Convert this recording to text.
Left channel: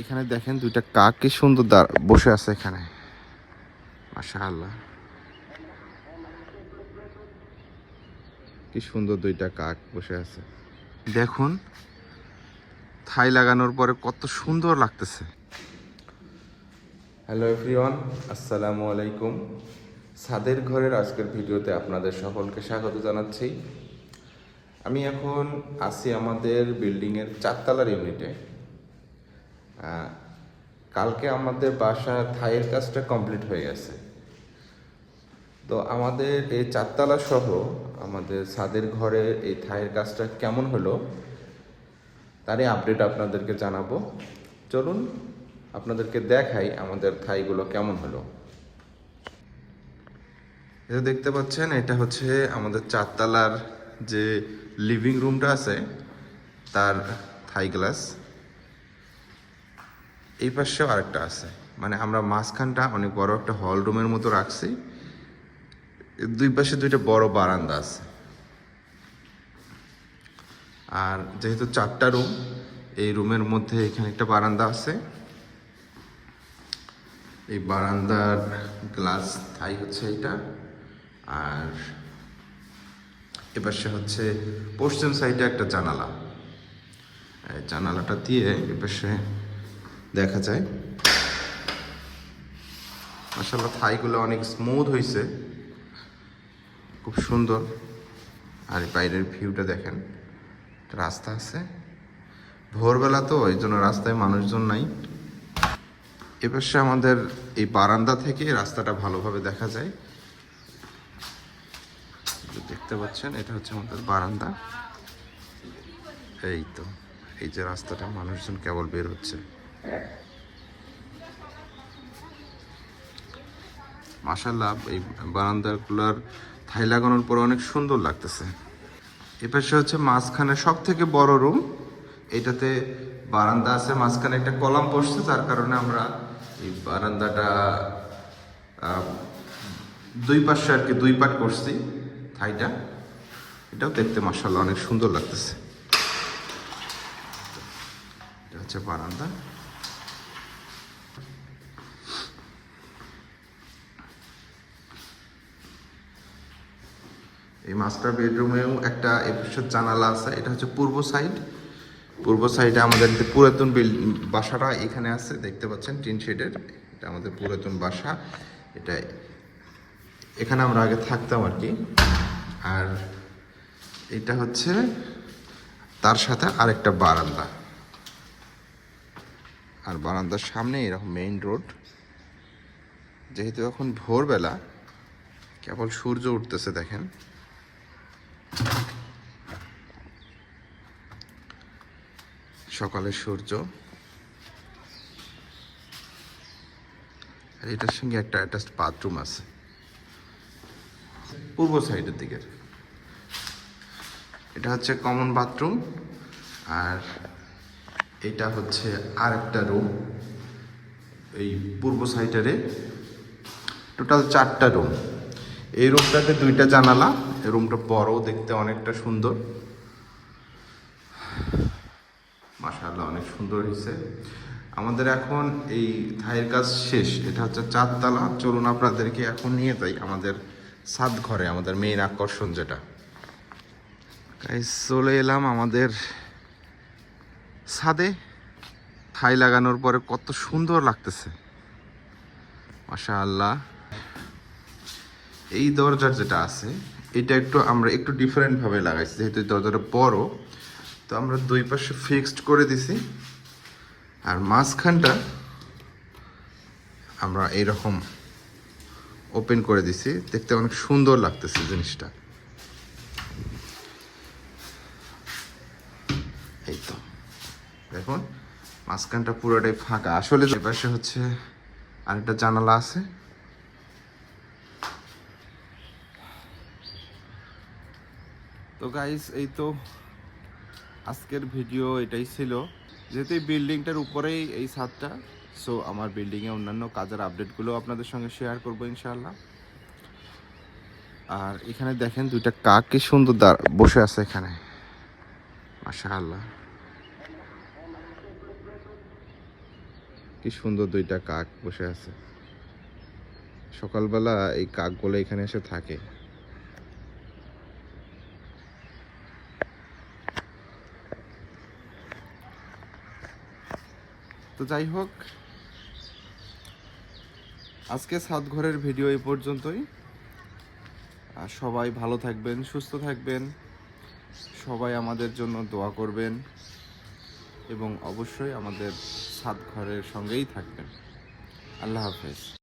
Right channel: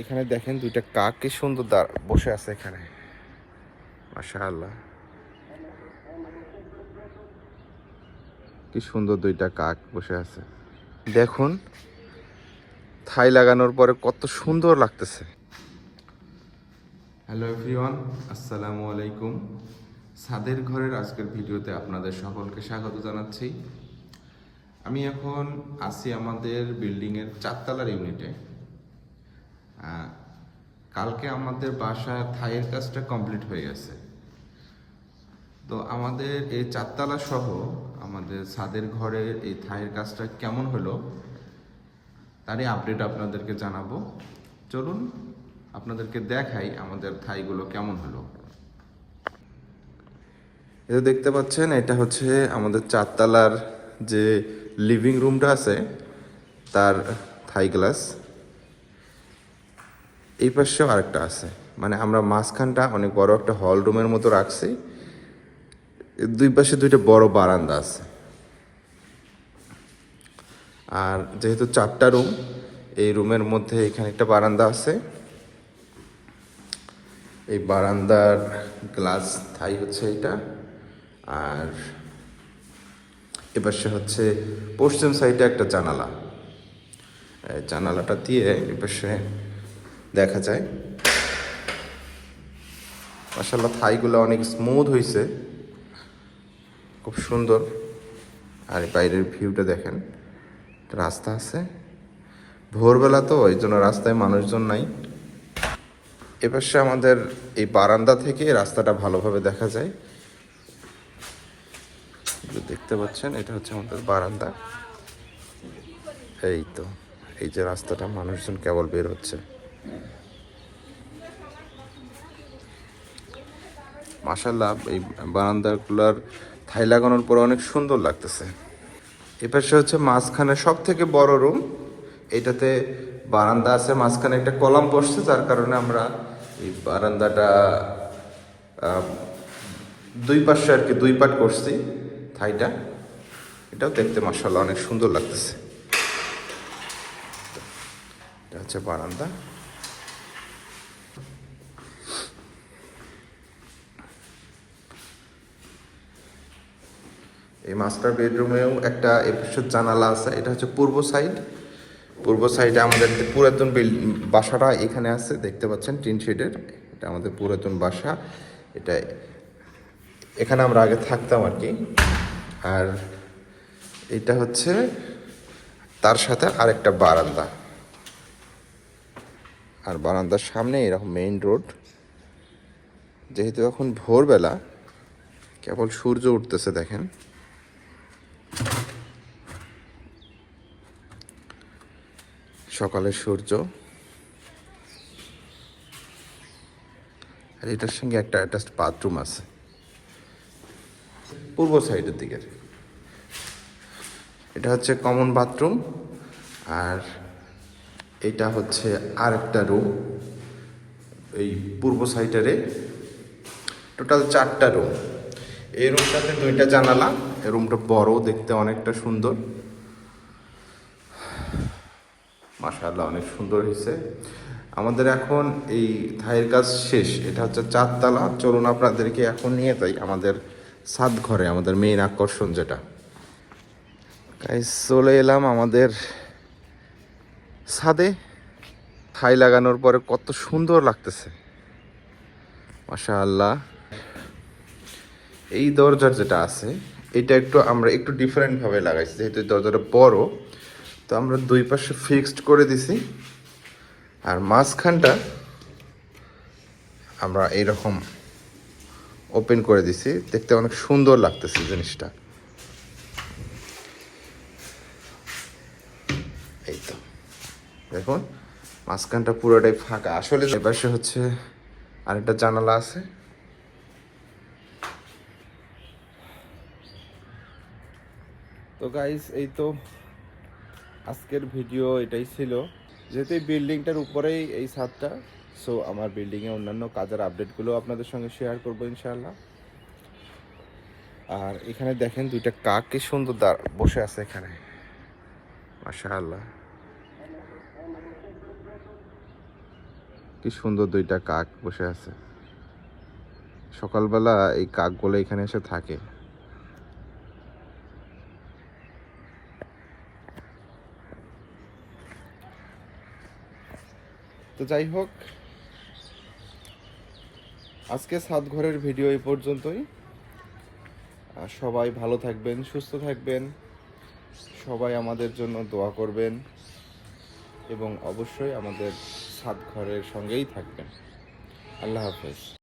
এখানে দেখেন দুইটা কাক, কি সুন্দর বসে আছে এখানে। আল্লাহ কি সুন্দর দুইটা কাক বসে আছে। দেখুন, থাই লাগানোর পরে কত সুন্দর লাগতেছে। হ্যালো এভরিওয়ান, আসসালামু আলাইকুম। সাদের ঘরের আজকের ভিডিওতে আপনাদের সকলকে স্বাগত জানাচ্ছি। আমি এখন আছি আমাদের বিল্ডিংয়ের চারতলার ইউনিটে। কালকে আমাদের বাসা থাইয়ের কাজটা কমপ্লিট হয়ে গেছে। তো আমাদের এই চারতলা সহ আমাদের ছাদের ঘরের এই থাইয়ের কাজটা কেমন হলো, তারই আপডেট আপনাদেরকে জানাব। চলুন, আপনাদেরকে দেখাই আমাদের থাইগুলো কেমন হলো। এটা দেখতে পাচ্ছেন, এটা হচ্ছে আমাদের চারতলার যে লিভিং রুমটা আছে, তার থাই গ্লাস এই পাশেও আরেকটা আছে। মানে আমরা মাঝখানটা অনেক বড় একটা হল রুমের মতো রাখছি। দুই পাশে দুইটা বড় বারান্দা আছে। আর যেহেতু চারটা রুম এই রুমের মধ্যে এখানে একটা বারান্দা আছে। এই বারান্দার গ্লাস থাই হচ্ছে এটা আর এপাশে হচ্ছে পশ্চিম সাইডে একটা জানালা। জানালাটা দিয়ে এপাশে দেখা যায়। মাসাল্লাহ থাইগুলো অনেক স্মুথ হয়েছে খুব সুন্দর। আর বাইরের ভিউটা দেখেন, রাস্তা আছে। ভোরবেলা তো ওই জন্য রাস্তায় মানুষজন নাই। এপাশে আমাদের এই বারান্দা থেকে রাস্তাটা ভালোভাবে দেখা যায়। দেখতে পাচ্ছেন, এটা হচ্ছে আমাদের বারান্দা। এই তো, এই যে রাস্তাটা, মানুষজন কেবল বের হচ্ছে। মাসাল্লাহ এই বারান্দাগুলোর থাই লাগানোর পর অনেক সুন্দর লাগতেছে। এপাশে হচ্ছে মাঝখানে সব থেকে বড় রুম। এটাতে বারান্দা আছে, মাঝখানে একটা কলাম বসছে তার কারণে আমরা এই বারান্দাটা দুই পাশে আর কি দুই পাট করছি থাইটা। এটাও দেখতে মাসাল্লাহ অনেক সুন্দর লাগতেছে। এটা হচ্ছে বারান্দা। এই মাস্টার বেডরুমেও একটা এপিসোড জানালা আছে, এটা হচ্ছে পূর্ব সাইড। পূর্ব সাইডে আমাদের পুরাতন বাসাটা এখানে আছে, দেখতে পাচ্ছেন টিন শেডের, এটা আমাদের পুরাতন বাসা। এটা এখানে আমরা আগে থাকতাম আর কি। আর এটা হচ্ছে তার সাথে আরেকটা বারান্দা। আর বারান্দার সামনে এরকম মেইন রোড যেহেতু এখন ভোরবেলা, কেবল সূর্য উঠতেছে দেখেন। সকালের সূর্য। আর এটার সঙ্গে একটা অ্যাটাচড বাথরুম আছে। পূর্ব সাইডের দিকের। এটা হচ্ছে কমন বাথরুম আর এটা হচ্ছে আর একটা রুম এই পূর্ব সাইডারে টোটাল চারটা রুম এই রুমটাতে দুইটা জানালা রুমটা বড়, দেখতে অনেকটা সুন্দর। মাশাআল্লাহ, অনেক সুন্দর হয়েছে। আমাদের এখন এই থাইয়ের কাজ শেষ। এটা হচ্ছে চারতলা। চলুন আপনাদেরকে এখন নিয়ে যাই আমাদের সাত ঘরে, আমাদের মেইন আকর্ষণ যেটা। চলে এলাম আমাদের ছাদে। থাই লাগানোর পরে কত সুন্দর লাগতেছে। মাশাআল্লাহ। এই দরজার যেটা আছে এটা একটু আমরা একটু ডিফারেন্ট ভাবে লাগাইছি, যেহেতু দরজাটা বড়। তো আমরা দুই পাশে ফিক্সড করে দিছি। আর মাঝখানটা আমরা এইরকম ওপেন করে দিছি। দেখতে অনেক সুন্দর লাগতেছে জিনিসটা। এই তো। দেখুন, মাঝখানটা পুরোটাই ফাঁকা। আসলে এ পাশে হচ্ছে আরেকটা জানালা আছে। তো গাইস এই তো আজকের ভিডিও এটাই ছিল। যেহেতু এই বিল্ডিংটার উপরেই এই ছাদটা সো আমার বিল্ডিংয়ে অন্যান্য কাজের আপডেটগুলো আপনাদের সঙ্গে শেয়ার করব ইনশাআল্লাহ। আর এখানে দেখেন দুইটা কাক কি সুন্দর বসে আছে এখানে। মাশাআল্লাহ। কি সুন্দর দুইটা কাক বসে আছে। সকালবেলা এই কাকগুলো এখানে এসে থাকে। তো যাই হোক, আজকে সাত ঘরের ভিডিও এই পর্যন্তই। আর সবাই ভালো থাকবেন, সুস্থ থাকবেন, সবাই আমাদের জন্য দোয়া করবেন এবং অবশ্যই আমাদের সাত ঘরের সঙ্গেই থাকবেন। আল্লাহ হাফেজ।